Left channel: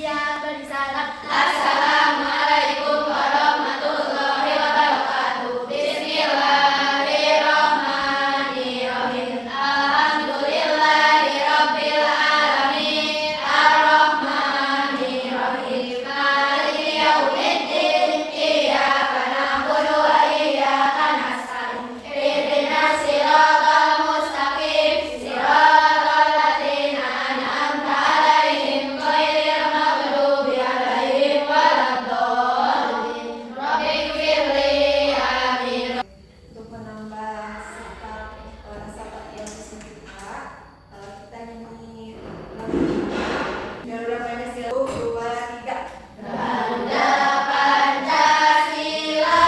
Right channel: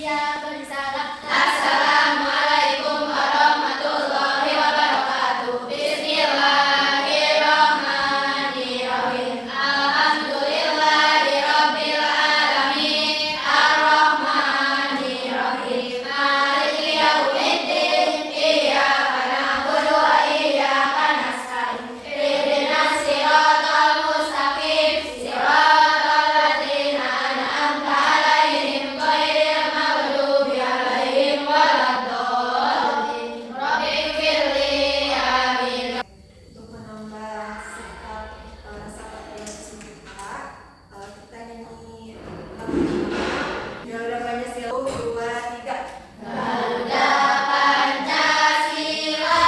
Siap bersalam. Assalamualaikum warahmatullahi wabarakatuh. Bismillahirrahmanirrahim. Alhamdulillahi rabbil alamin. Ar-Rahmanirrahim. Maliki yaumiddin. Iyyaka na'budu wa iyyaka nasta'in. Ihdinas siratal mustaqim. Siratal ladzina an'amta 'alaihim ghairil maghdubi 'alaihim waladdallin. Rabbighfirli amin. Untuk menambah sikap rasa patriotisme kita, kita nyanyi Garuda Pancasila 1, 2, 3. Garuda Pancasila,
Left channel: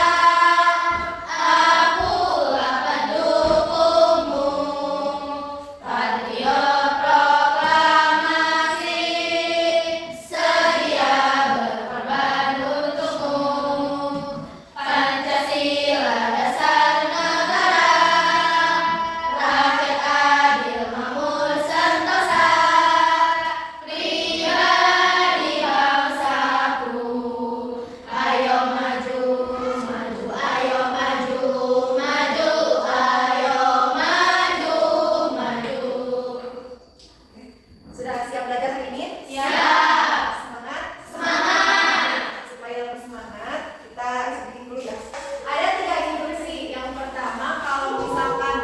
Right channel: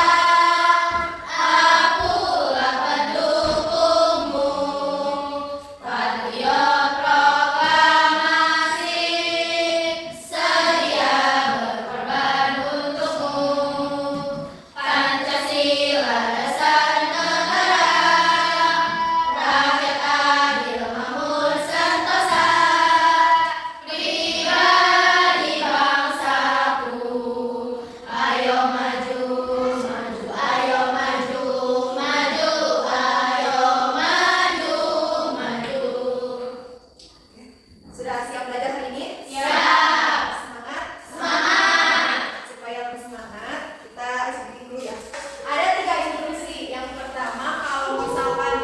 akulah pendukungmu. Patriot proklamasi, sedia berkorban untukmu. Pancasila dasar negara, rakyat adil makmur sentosa. Pribadi bangsaku, ayo maju, maju, ayo maju, maju, ayo maju, maju. Sudah siap belajar hari ini? Siap. Semangat? Semangat. Supaya lebih semangat, kita sedikit dulu ya. Ada 3 instruksi. Yang pertama, kalau misalkan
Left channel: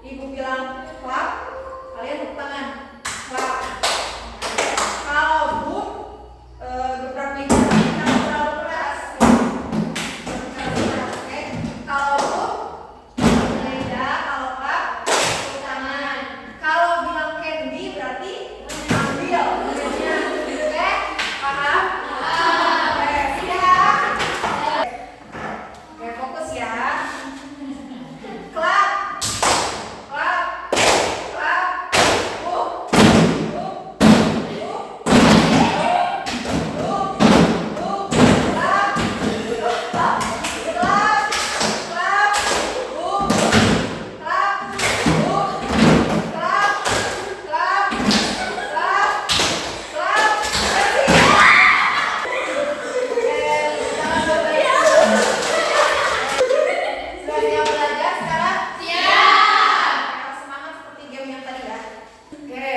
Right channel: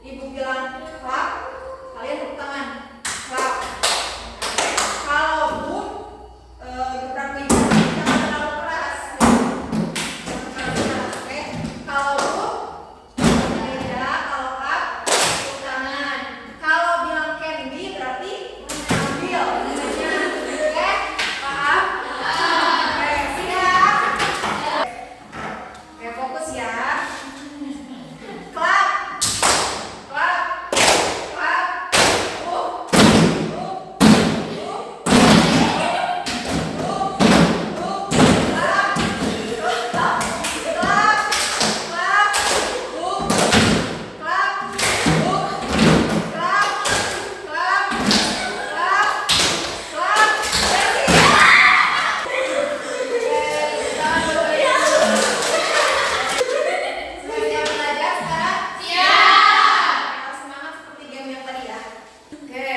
ibu bilang clap, kalian tepuk tangan. Clap. Kalau bu gebrak meja, jangan terlalu keras. Jangan terlalu keras, oke? Kalau bu beda, kalau clap tepuk tangan. Kalau bilang candy berarti ambil bunganya. Oke? Paham? Oke, siap. Oke, fokus ya. Clap. Clap. Clap. Sudah siap belajar sekarang? Siap. Harus semangat seperti game yang tadi ya. Oke,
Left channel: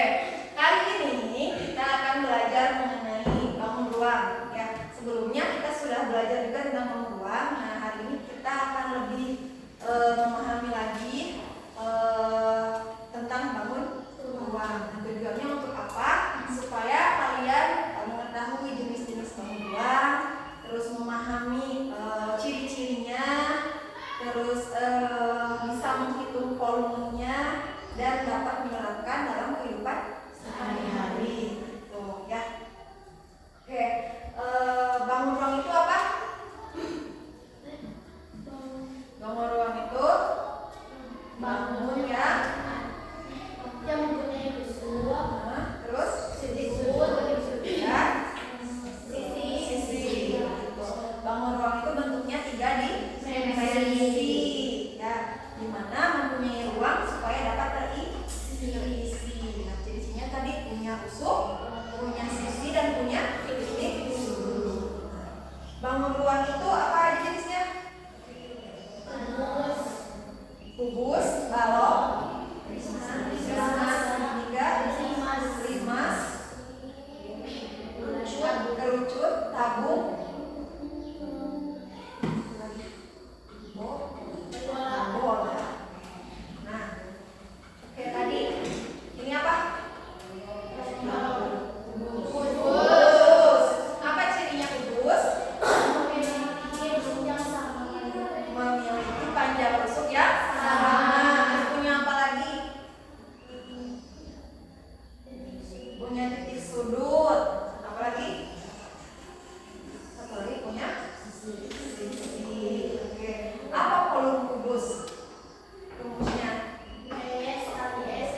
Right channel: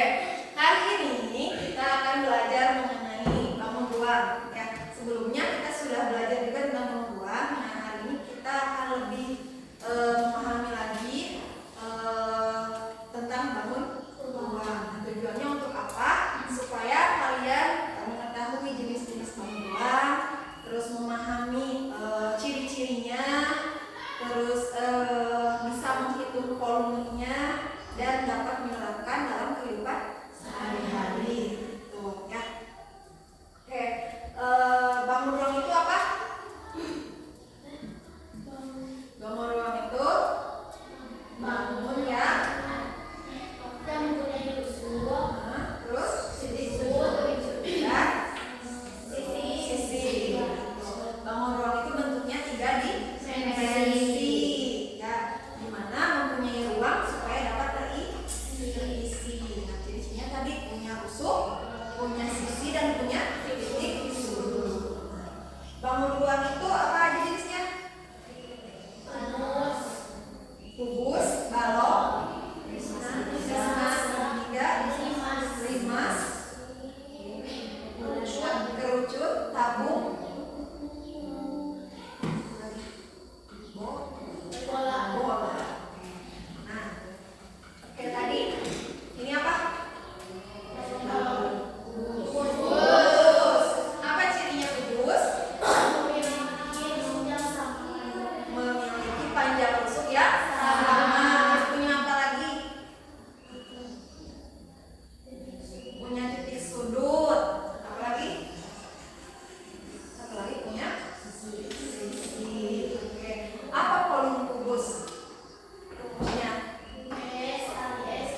hari ini kita akan belajar mengenai bangun ruang. Ya, sebelumnya kita sudah belajar juga tentang bangun ruang. Nah, hari ini kita akan lebih memahami lagi tentang bangun ruang. Nah, tujuannya untuk apa? Supaya kalian mengetahui jenis-jenis bangun ruang, terus memahami ciri-cirinya, terus bisa menghitung volumenya dan dapat menerapkan dalam kehidupan sehari-hari gitu ya. Oke, bangun ruang itu apa? Bangun ruang itu bangun ya. Yang mempunyai usul, Terus ya, sisi gitu. Bangun ruang itu bentuknya 3 dimensi ya, dimana mempunyai ruang supaya dapat terisi. Nah, ciri-cirinya tadi punya usuk, punya sisi dan punya titik sudut. Bangun ruang itu apa aja jenisnya? Kubus, balok, limas, kerucut, tabung, bola. Nah, oke, tadi ini apa? Kubus. Apa cirinya kubus? Memiliki panjang rusuk yang sama. Punya apa lagi? Punya titik sudut. Apa lagi? Satu lagi punya sisi. Oke. Apa volume kubus? Kubusnya S kali S.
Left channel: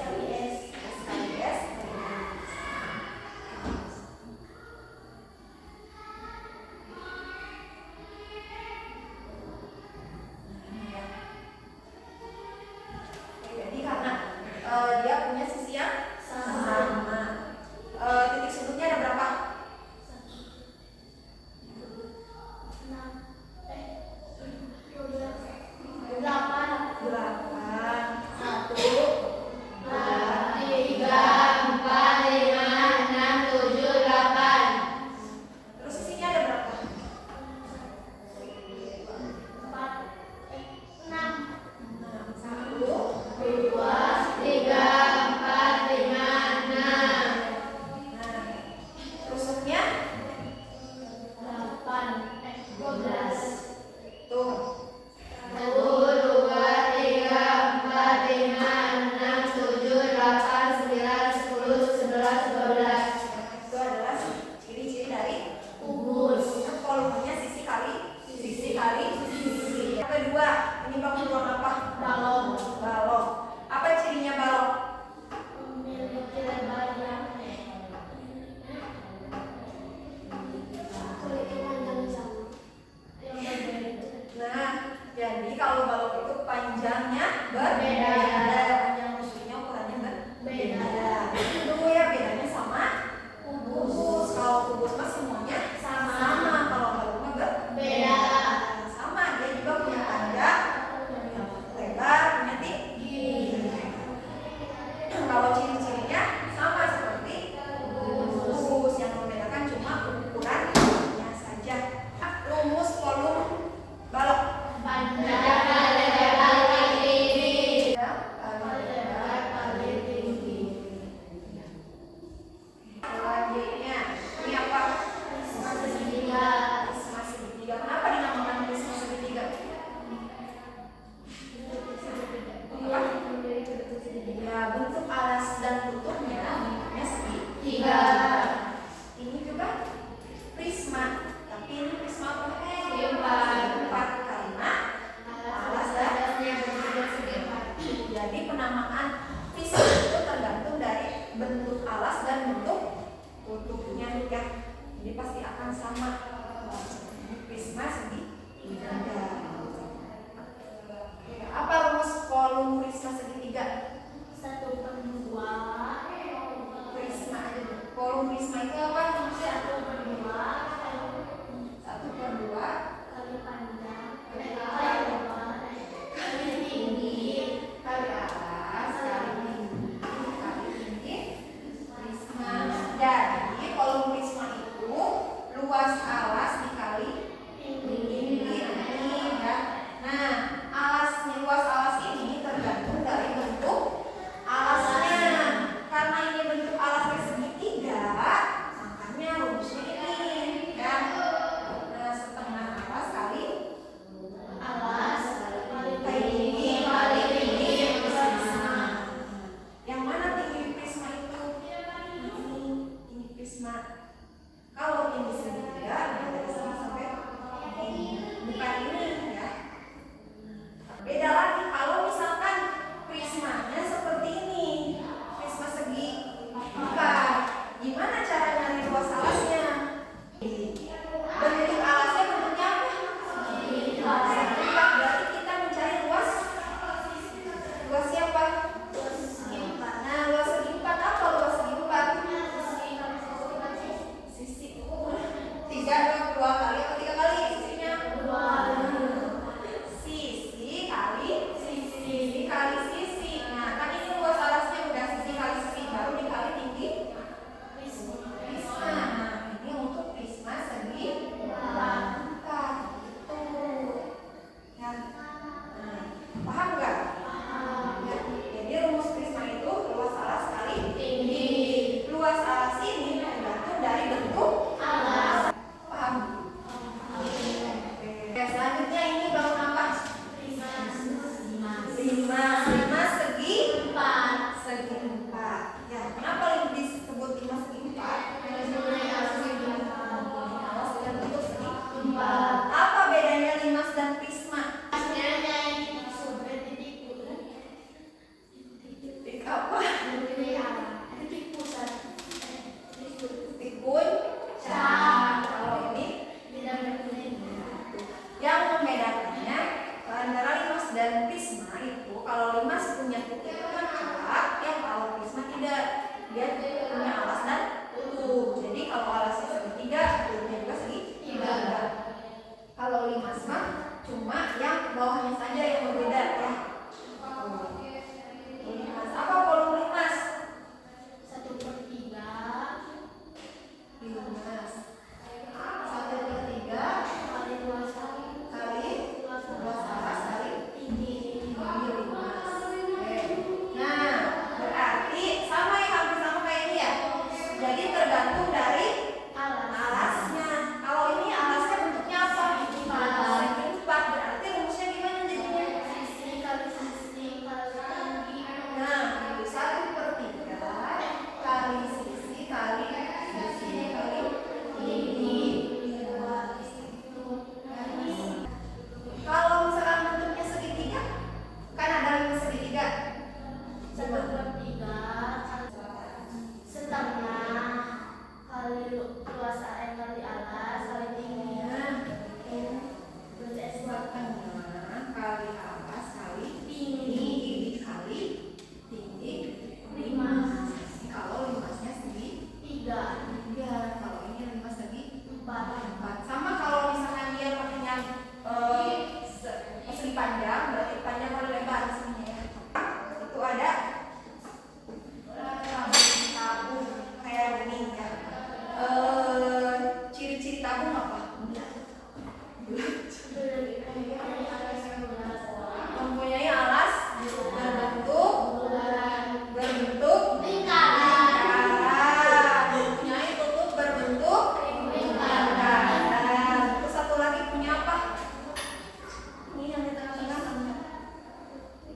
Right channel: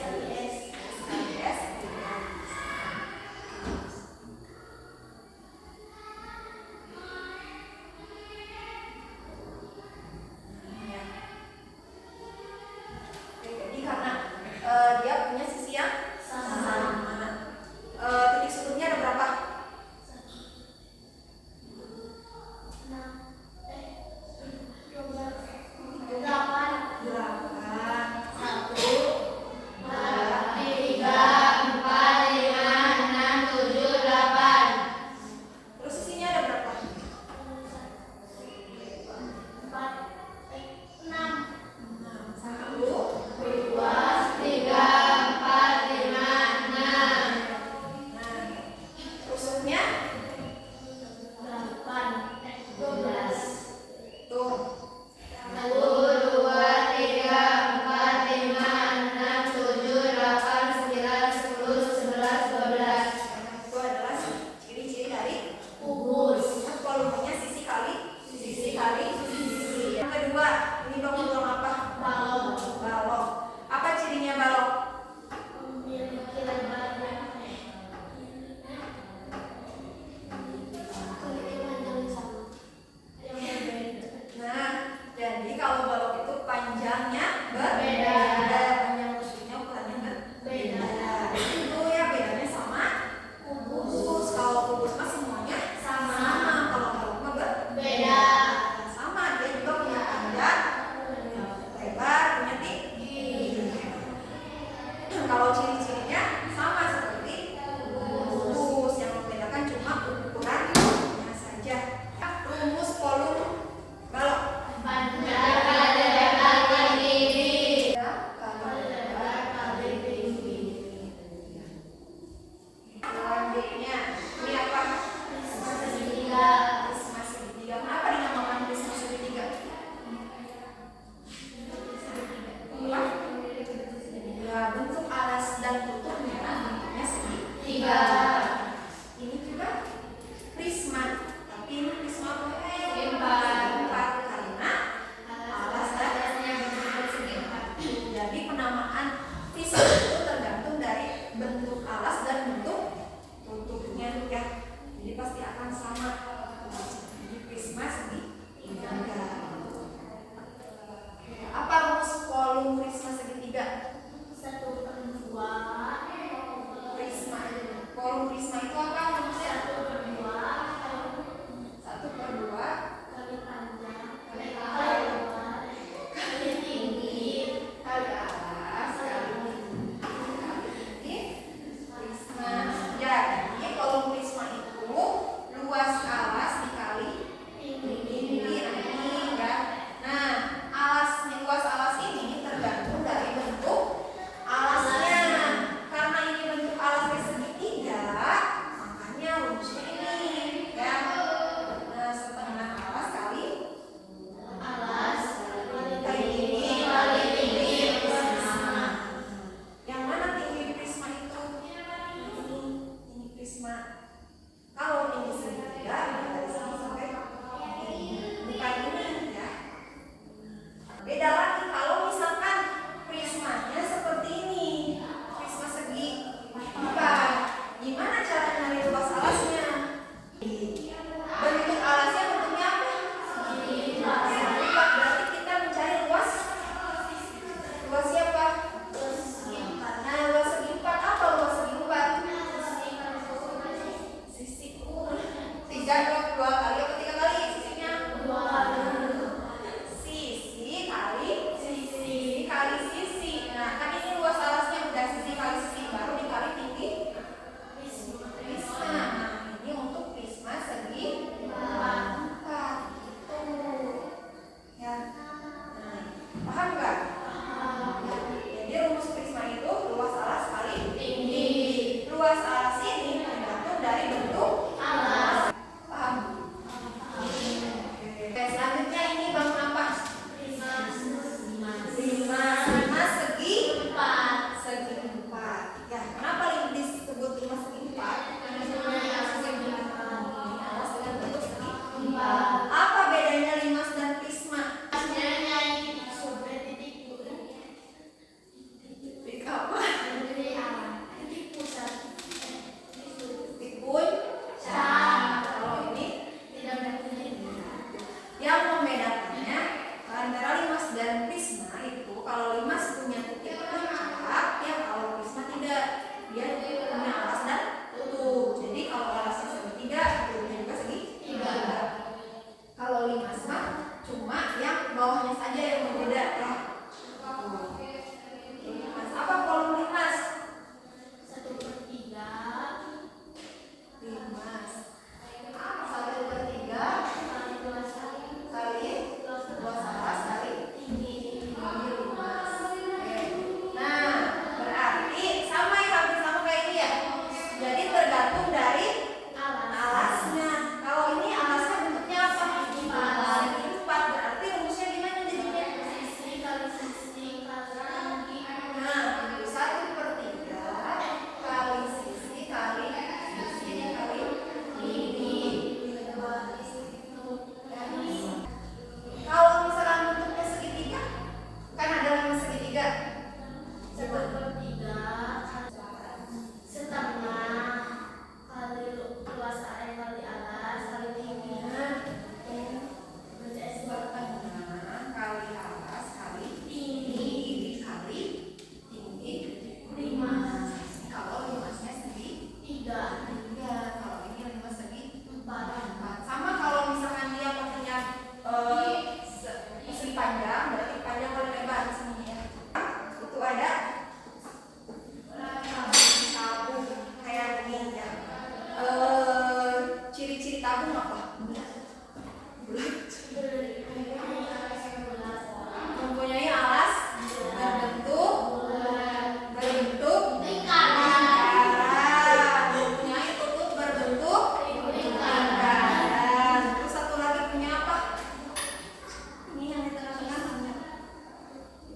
Jadi karena dia punya sisi yang sama. Titik sudutnya Jadi pasti akan sama. Ini prisma segitiga. Apa rumus kolom prisma segitiga? 1/2 Prisma. Kolom prisma itu apa? 1/2 1/2 kali panjang kali lebar kali tinggi kali atas kali tinggi prisma. Jadi kolom prisma itu luas alas dikali tinggi. Nah, ini ya. Nah, luas alas ini tergantung dari bentuk alasnya. Karena ini bentuk alasnya segitiga, makanya rumusnya ini ya. Nah, setengah alas kali alas kali tinggi prisma. Yang mana tinggi prisma itu? Ini prisma. Kalau tinggi segitiga, dari sini sampai ini. Bukan ini ya. Beda lagi kalau misalkan prismanya seperti ini, prisma segi empat. Gimana cara nyari luas alasnya? Bentuk alasnya bentuknya apa? Segitiga. Berarti kita mencari luas siapa? Nah, luas segi empat apa luas segi empat? Sisi 3 kali atau 3 kali sisinya? Sisi kali sisi. Nah, kan ini luas alasnya udah sisi kali sisi, baru dikali tinggi prisma. Nah, ini untuk prisma segi empat. Gitu. Ya. Nah, paham nggak? Ya. Jadi rumus prisma itu luas alas kali tinggi. Luas alas ini tergantung dari bentuk alas. Paham? Oke, selanjutnya ini bangun apa? Lima segi empat. Ya, kenapa disebut 5 segi 4? Karena alas dengan bentuk segi 4. Apa bedanya limas dan prisma? Titik apa? Titik puncak. Kalau ini yang membedakannya antara limas dan prisma itu, kalau limas punya titik puncak, ya kalau prisma tidak. Dia punya alas dan tutup. Jadi kalau alasnya segitiga, tutupnya juga segitiga. Kalau limas mah cuma yang bawahnya saja yang berbeda ya. Limas apa kolom limas? 1/3 Limas 1/3 kali luas kali luas alas kali tinggi. limas. Oke. Nah, berarti sama ya, hampir sama kayak ini ya. Jadi tergantung dari alasnya. Kalau ini alasnya bentuknya apa? Segi empat. Berarti rumusnya gimana jadinya? Sisi kali tinggi. Nah, 1/3 kali sisi kali tinggi. Kalau misalkan bentuknya segitiga, kan ada lima segitiga. 1/3 setengah kali luas kali alas kali tinggi. Berarti Setengah kali atas kali tinggi dikali tinggi 5. Kalau limasnya segitiga. Kalau ini limas segi 4. Sama kalau misalkan dia pakainya persegi panjang, berarti panjang kali lebar di sini ya. Itu ada tabung kayak gini ya. Ciri-ciri tabung apa? Mempunyai alas berbentuk lingkaran. Mempunyai tutup berbentuk lingkaran. Terus satu lagi punya apa? Ini yang di tengah-tengah namanya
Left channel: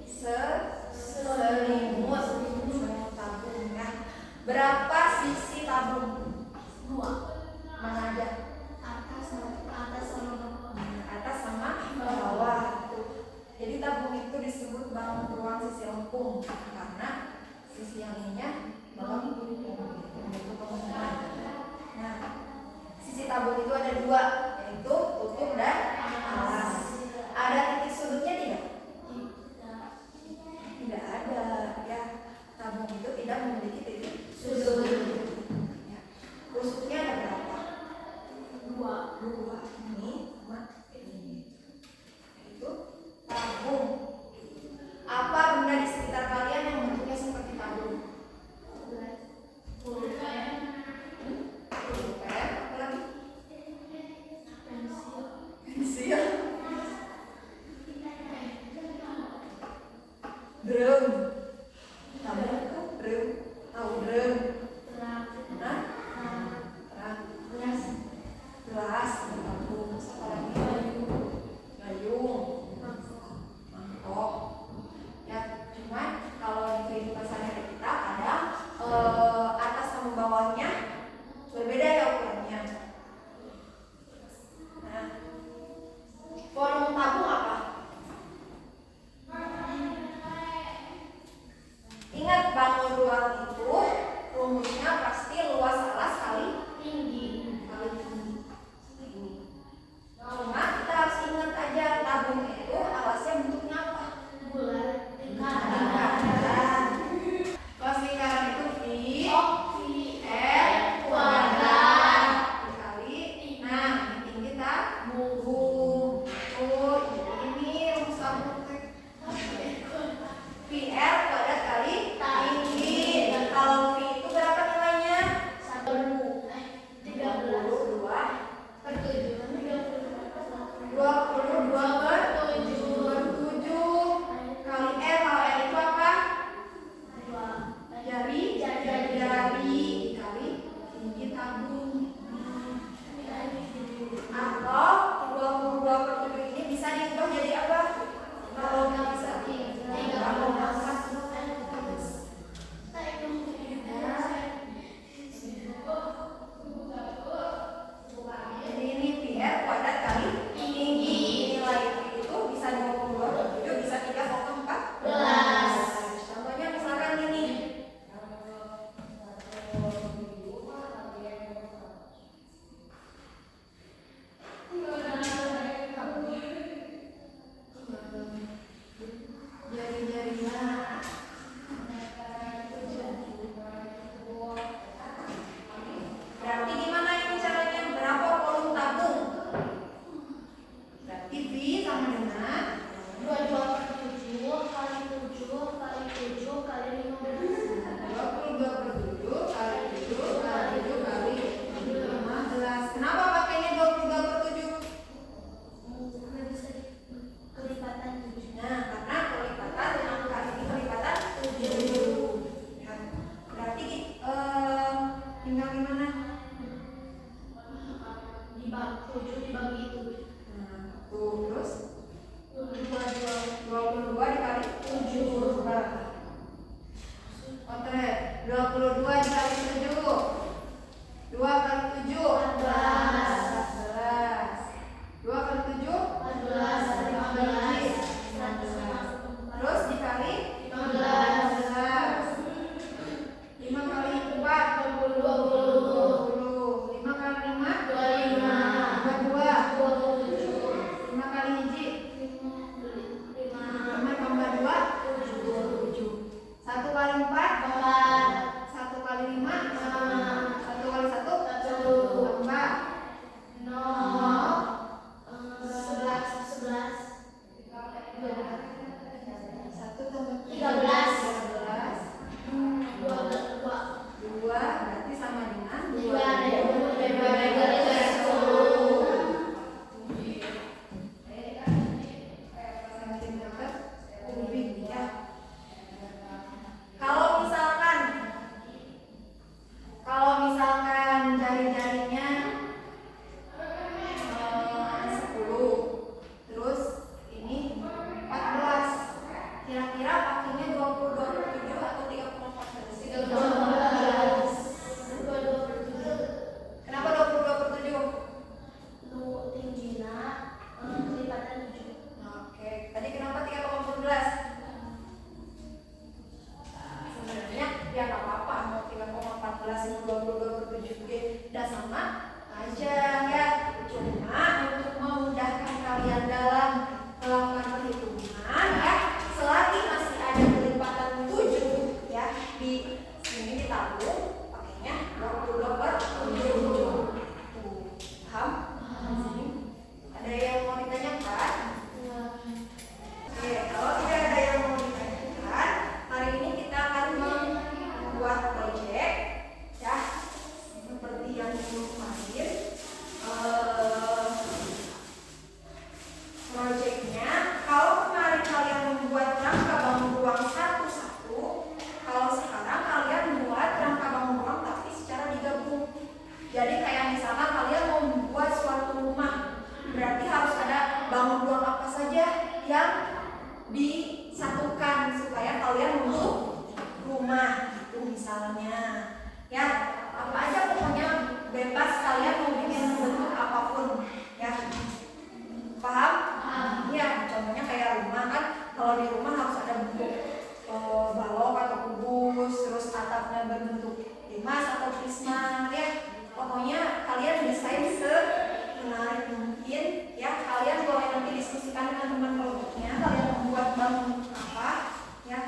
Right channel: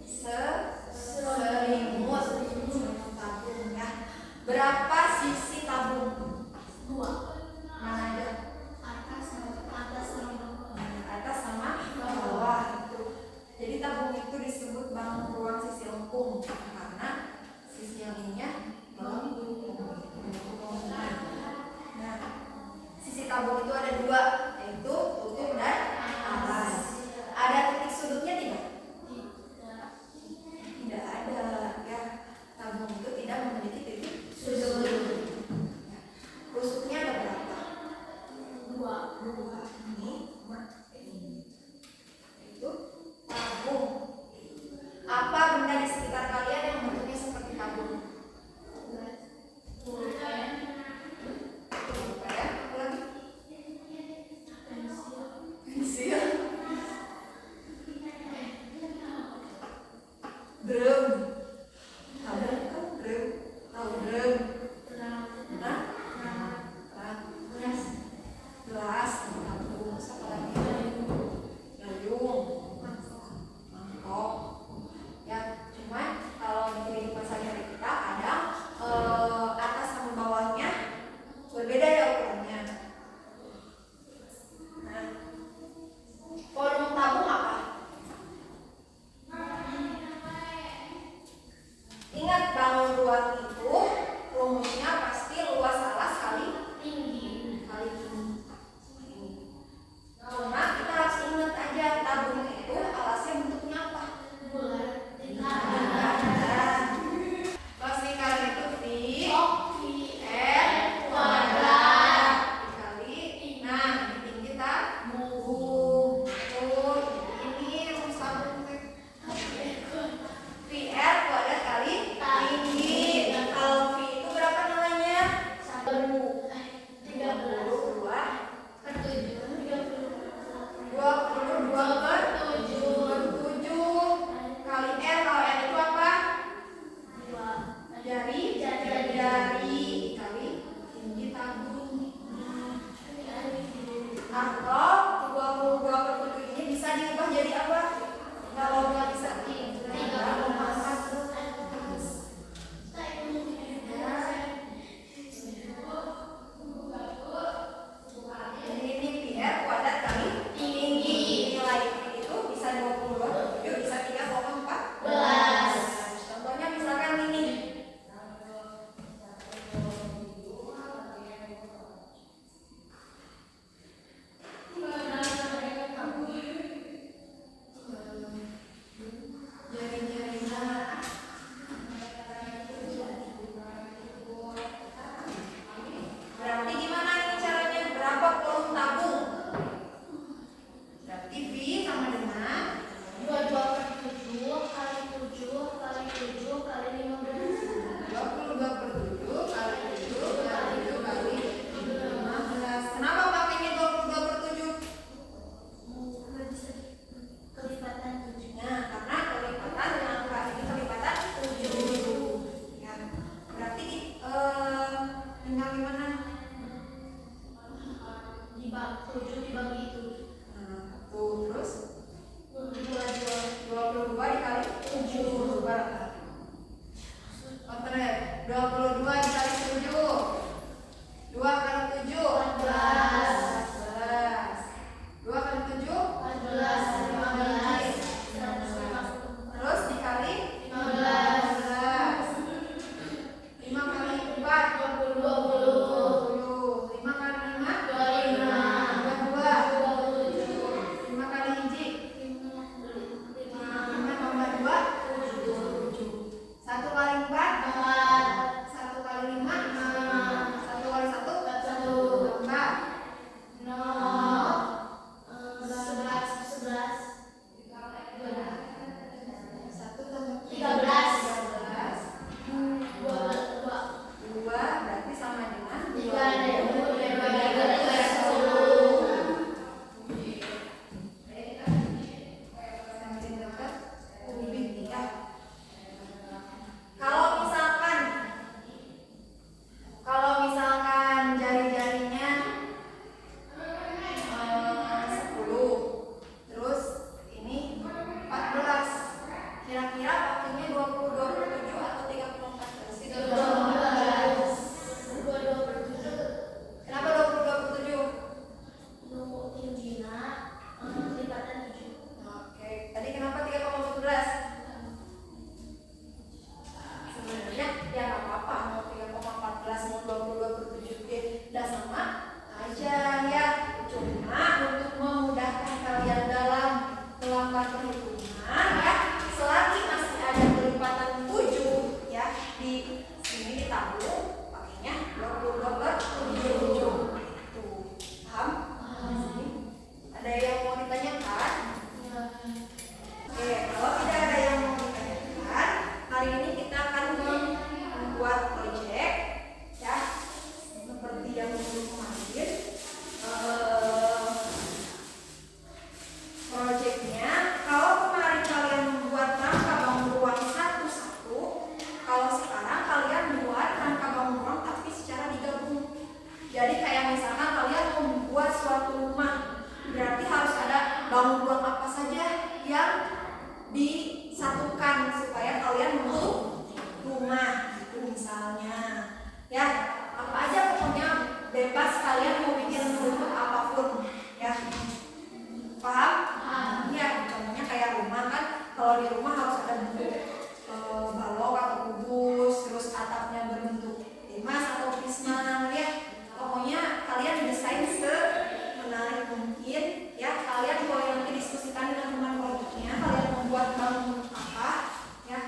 selimut tabung ya. Berapa sisi tabung? 2. Mana aja? Atas sama bawah. Jadi tabung itu disebut bangun ruang sisi lengkung karena sisi yang ininya melengkung. Nah, dua, yaitu tutup dan alas. Ada titik sudutnya tidak? Tidak ada, ya. Tabung itu tidak memiliki titik sudut. Ya. Rusuknya ada berapa? Dua. Ini sama ini. Itu tabung. Apa benda di sekitar kalian yang bentuknya seperti tabung? Pulpen. Apa lagi? Pensil. Drum. Tabung itu drum. Tahu drum? Hah? Gelas. Tabung. Apa lagi? Gayung. Mangkok. Ya, cuman kalau di kehidupan sehari-hari kita kadang atas sama bawahnya berbeda ya ukurannya. Nah, volume tabung apa? Ingat, bangun ruang itu rumusnya pasti luas alas kali tinggi. Cuma kita harus ingat aja tabung itu alasnya bentuknya apa? Bulat. Luas lingkaran itu R kuadrat dikali, nah ini tinggi tabung. Tuh, ini rumus tabung VR kuadrat kali tinggi. Kalau V itu berapa nilainya? 22 per 7. 22 per 7 kali R. Kalau R itu apa? Jari dikali tinggi tabung. Atau 22 per 7 ini bisa diubah jadi apa? Kalau nggak bisa 3,4. Jadi ini PR kuadrat kali tinggi. Nilai itu bisa 22 per 7, bisa 3,14. Contohnya misalkan ini. Berarti gimana ini caranya? Berapa volume tabung? Berarti V sama dengan 22 per 7 kali 7 kali 7 kali 15. 22 per 7 kali 7 kali 7 kali 15. Kenapa pakainya 22 per 7? Kelipatan 7. Nah, karena kelipatan angka ini kelipatan 7. Ya. Berarti tinggal gimana? Dibagi 7 dibagi 7. Nah, terus 22 dikali 7 berapa? Bener, 22 dikali 7. 2 kali 7 14. 2 kali 7 14 15. terus dikali 15. 5 kali 4 20. 5 kali 5 25. 22. 27. 5 kali hiji 5 tambah 2 7. 1 kali 4 1 kali 5 1 kali 1 tambah 1 tambah 13. 2 berarti sama dengan 10 cm kubik ya. Kalau misalkan jari-jarinya 10, terus ini 14, kira-kira pakainya 22 per 7 atau 3,14? 22 per 7. Kenapa 22 per 7? Nunggu tingginya kelipatan 7. Oke, tadi kenapa 3,14? Sebenarnya ya nggak apa-apa mau 3,14 mau 22 per 7 udah sama, aja ya. Cuma untuk memudahkan kalian dalam melakukan perhitungan ya, selagi masih ada kelipatan 7 ya, di sini ditabung pakainya 22 per 7. Tuh, paham? Sini. Ada yang mau ditanyakan? Oke, kalau tidak ada yang mau ditanyakan, hari ini kita akan membuat proyek ya, seperti yang dulu kemarin. Proyeknya, kalau kemarin kalian membuat rangka bangun ruang satu-satu, kalau sekarang kalian membuat rangka bangun ruang tapi secara digabung. Jadi kayak misalkan kalian mau membuat suatu rumah, berarti harus ada bangun ruang apa saja yang disatukan supaya kalian membentuk rumah gitu misalnya ya, apa aja pokoknya bebas kalian mau bikin bentuk apapun ya, paham? Ya, contohnya kayak rumah kan, kalau di rumah harus ada bentuk balok atau kubus, terus atapnya berbentuk limas atau prisma ya, pokoknya kalian desain semenarik mungkin ya. Kalian boleh nanti diskusikan dengan teman kelompoknya kalian membuat bangun apa ya.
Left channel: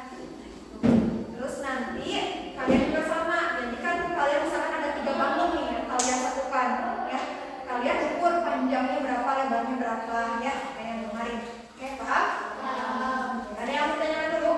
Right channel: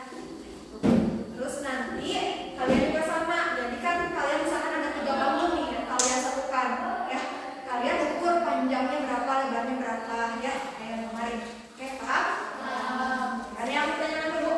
Terus nanti kalian juga sama, jadi kan kalian misalkan ada 3 bangun nih yang kalian satukan ya, kalian ukur panjangnya berapa, lebarnya berapa ya, kayak kemarin. Oke, paham? Ada yang mau tanyakan dulu?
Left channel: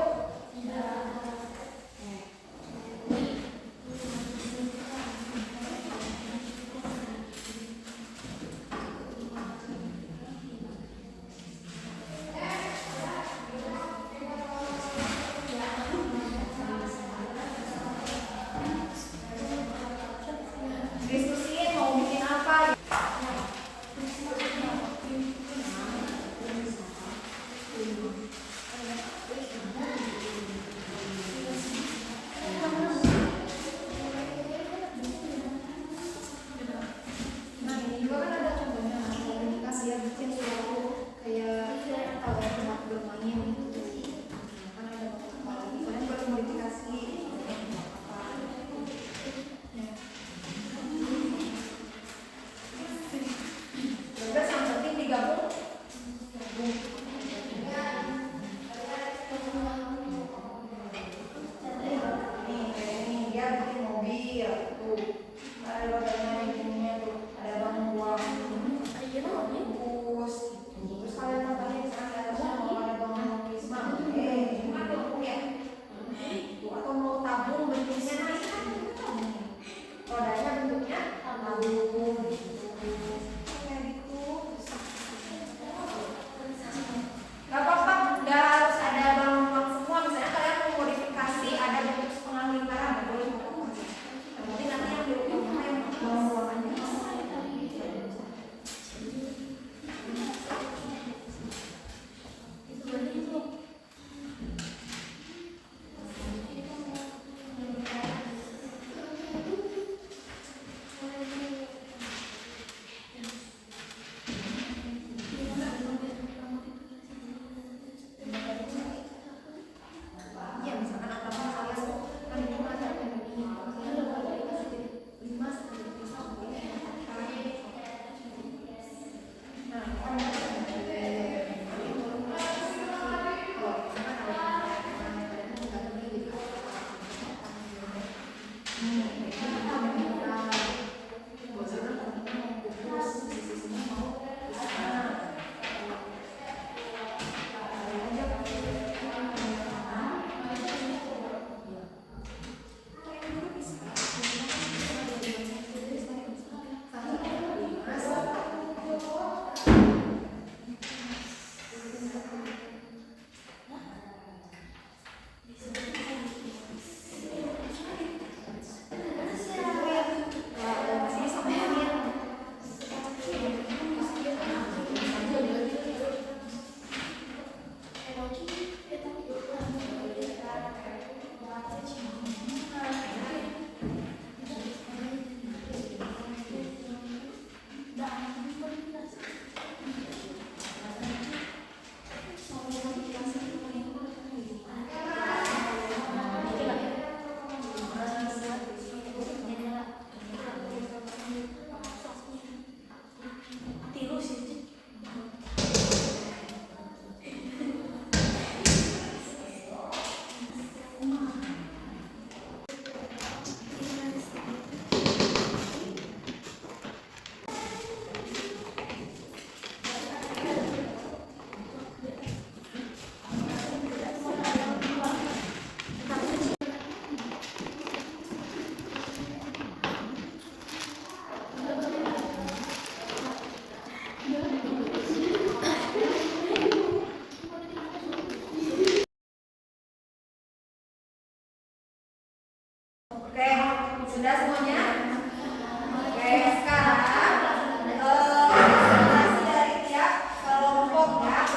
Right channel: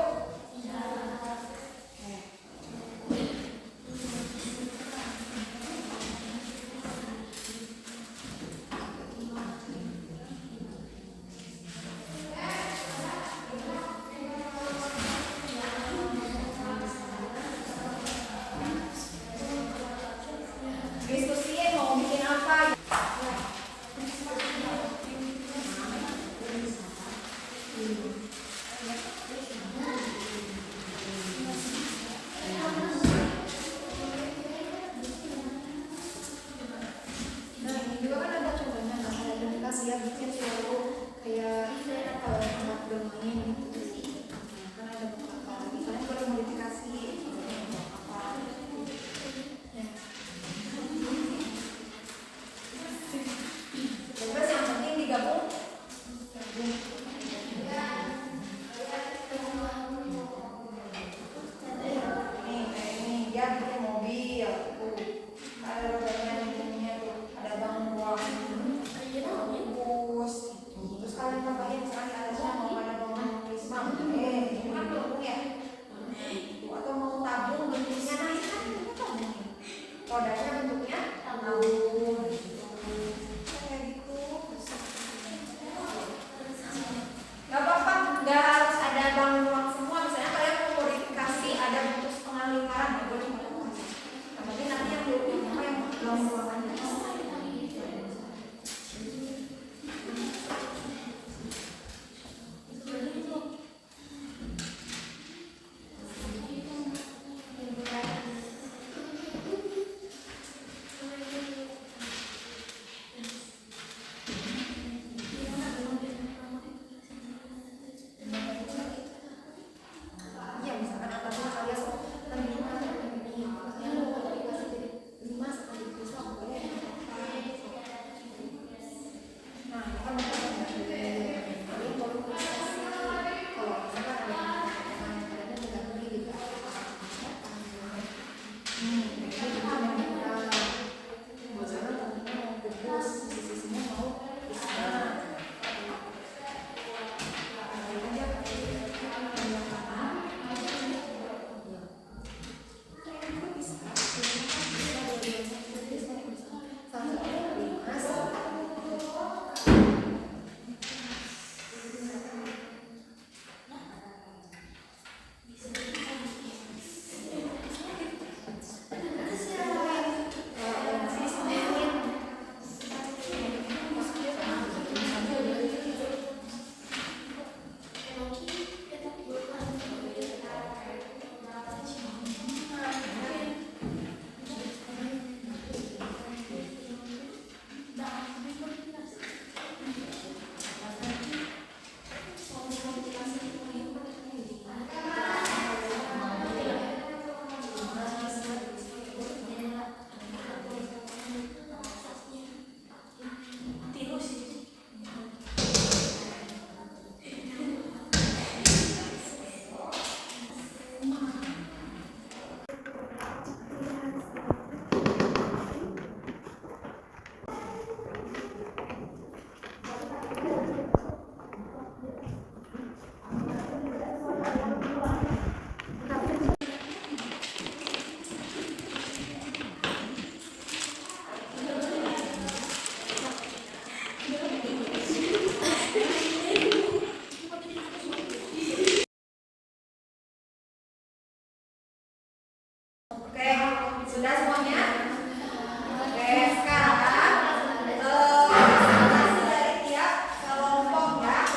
Sudah semuanya? Oke, sekarang presentasi dari tiap kelompok ya.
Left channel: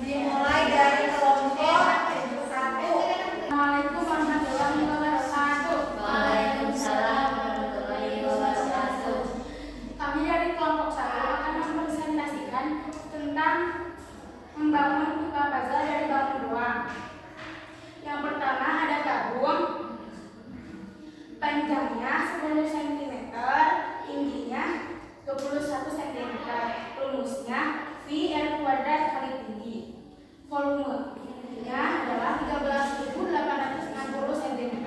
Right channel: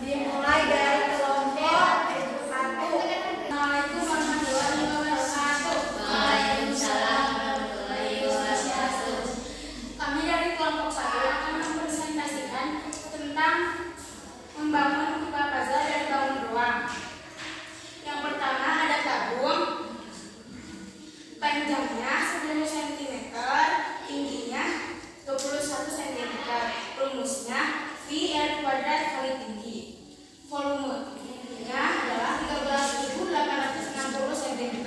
Dimulai dari kelompok 1. Assalamualaikum warahmatullahi wabarakatuh. Waalaikumsalam warahmatullahi wabarakatuh. Kami dari kelompok 1 akan mempresentasikan tentang membangun pipa puzzle dari bangun doang. Yang pertama ada tabung, panjangnya 10 cm, tingginya 21 cm. Rumusnya V/R² kali tinggi. Volumenya adalah 13.860 cm.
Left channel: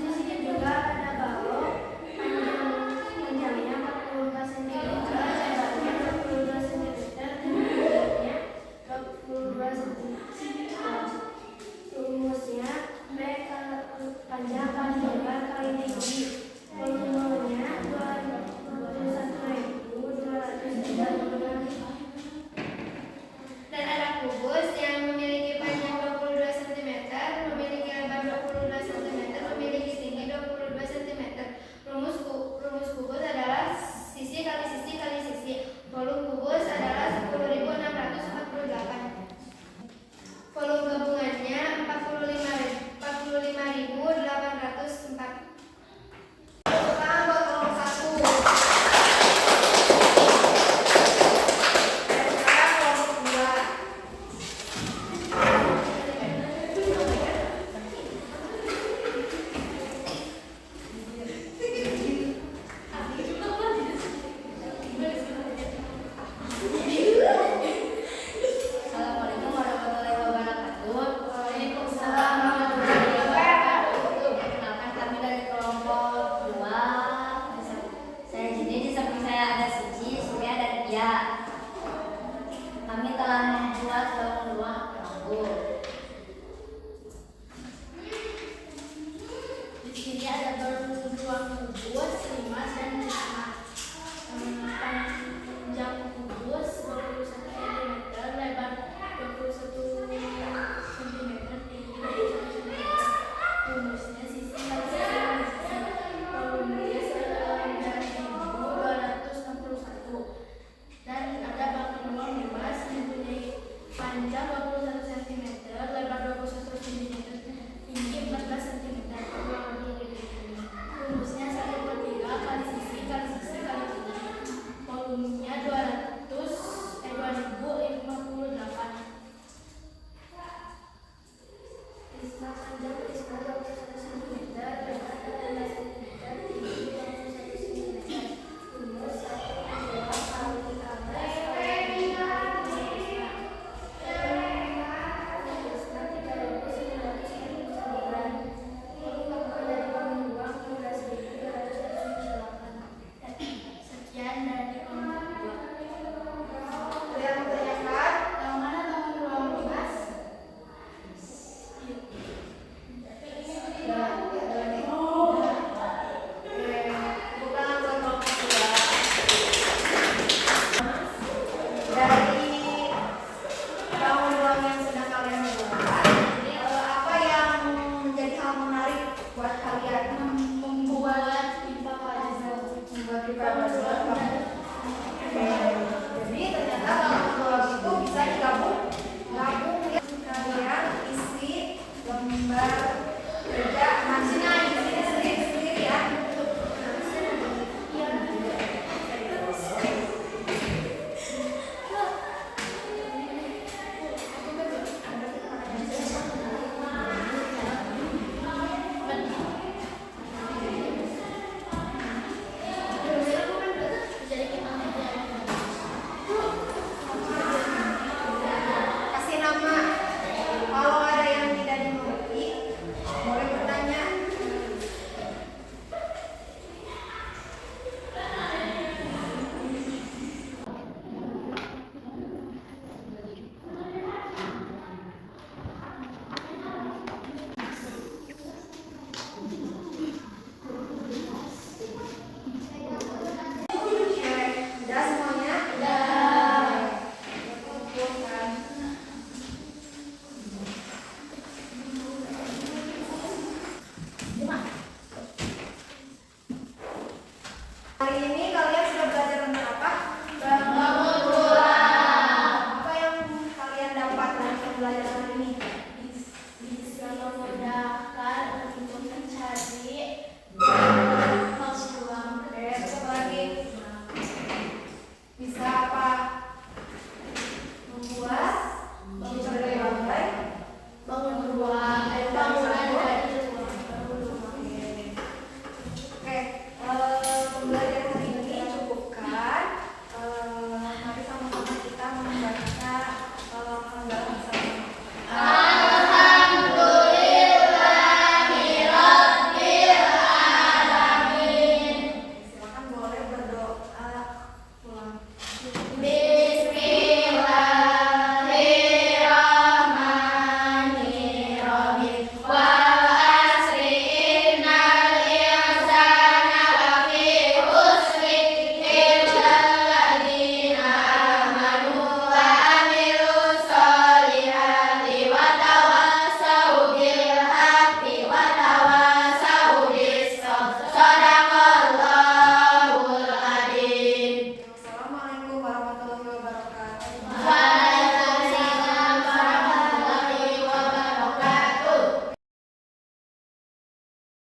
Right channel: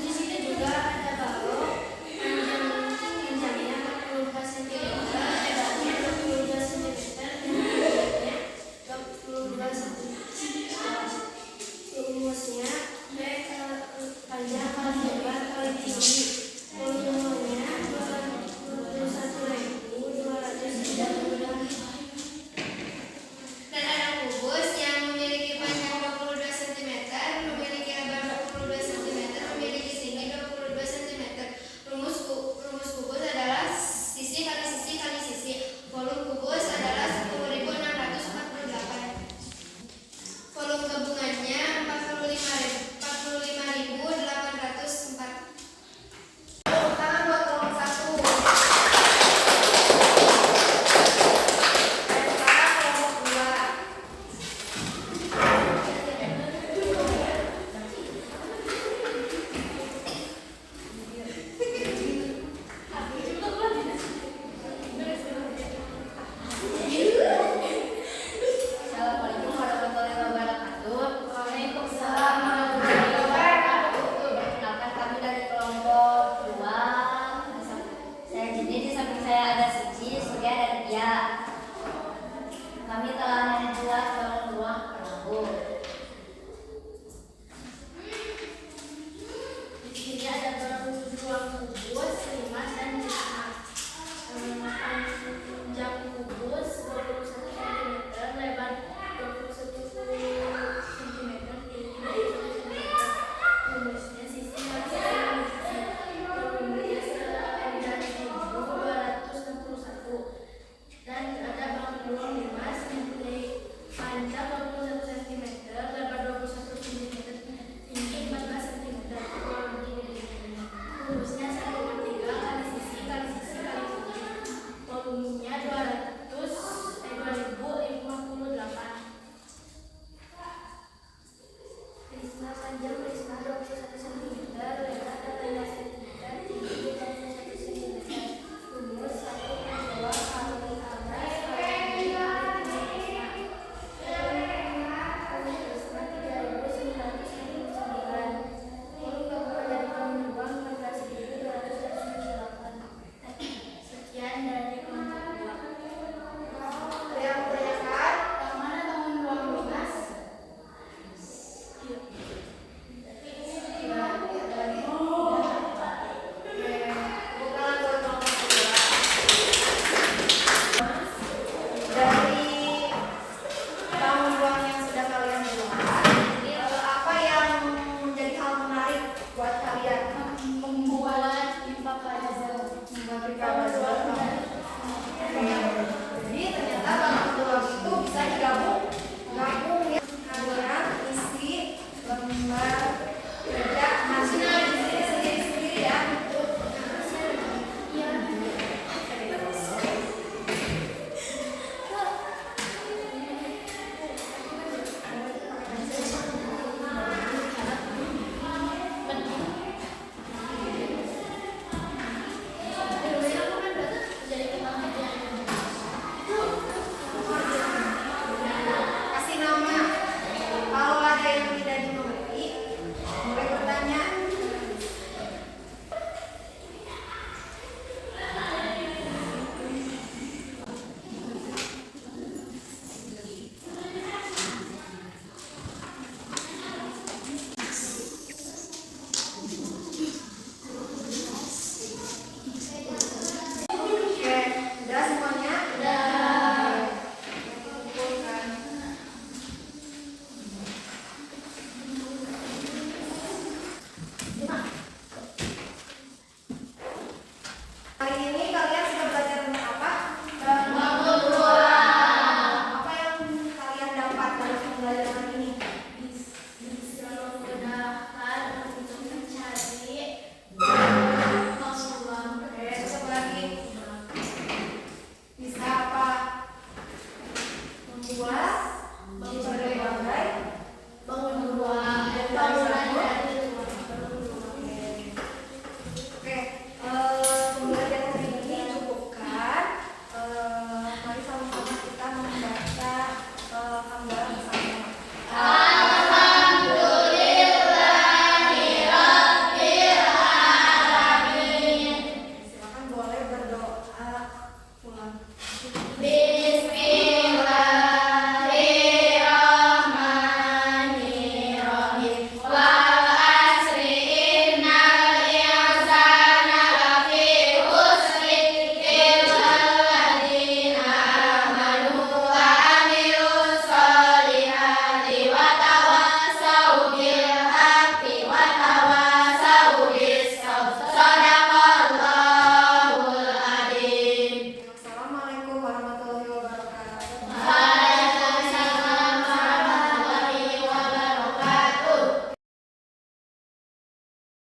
Di sini juga ada balok, panjangnya 44 cm, lebarnya 22 cm, dan tingginya 22 cm. Rumusnya V panjang kali lebar kali tinggi. Volumenya 21.232. Dan ada kubus yang memiliki panjang 22 cm, memiliki lebar 22 cm, memiliki tinggi 22 cm. Rumus kubus adalah sisi kali sisi kali sisi. Volume kubus adalah 10.648. Volume gabungannya 45.804. Tepuk tangan buat kelompok 1. Dan sekarang kelompok 2. Assalamualaikum warahmatullahi wabarakatuh. Waalaikumsalam warahmatullahi wabarakatuh. Perkenalkan, kami dari kelompok 2. Saya Jini, di samping saya ada Suci, Surya, dan Pia. Kami telah membuat balon ruang perahu. Di sini ada balon ruang kubus,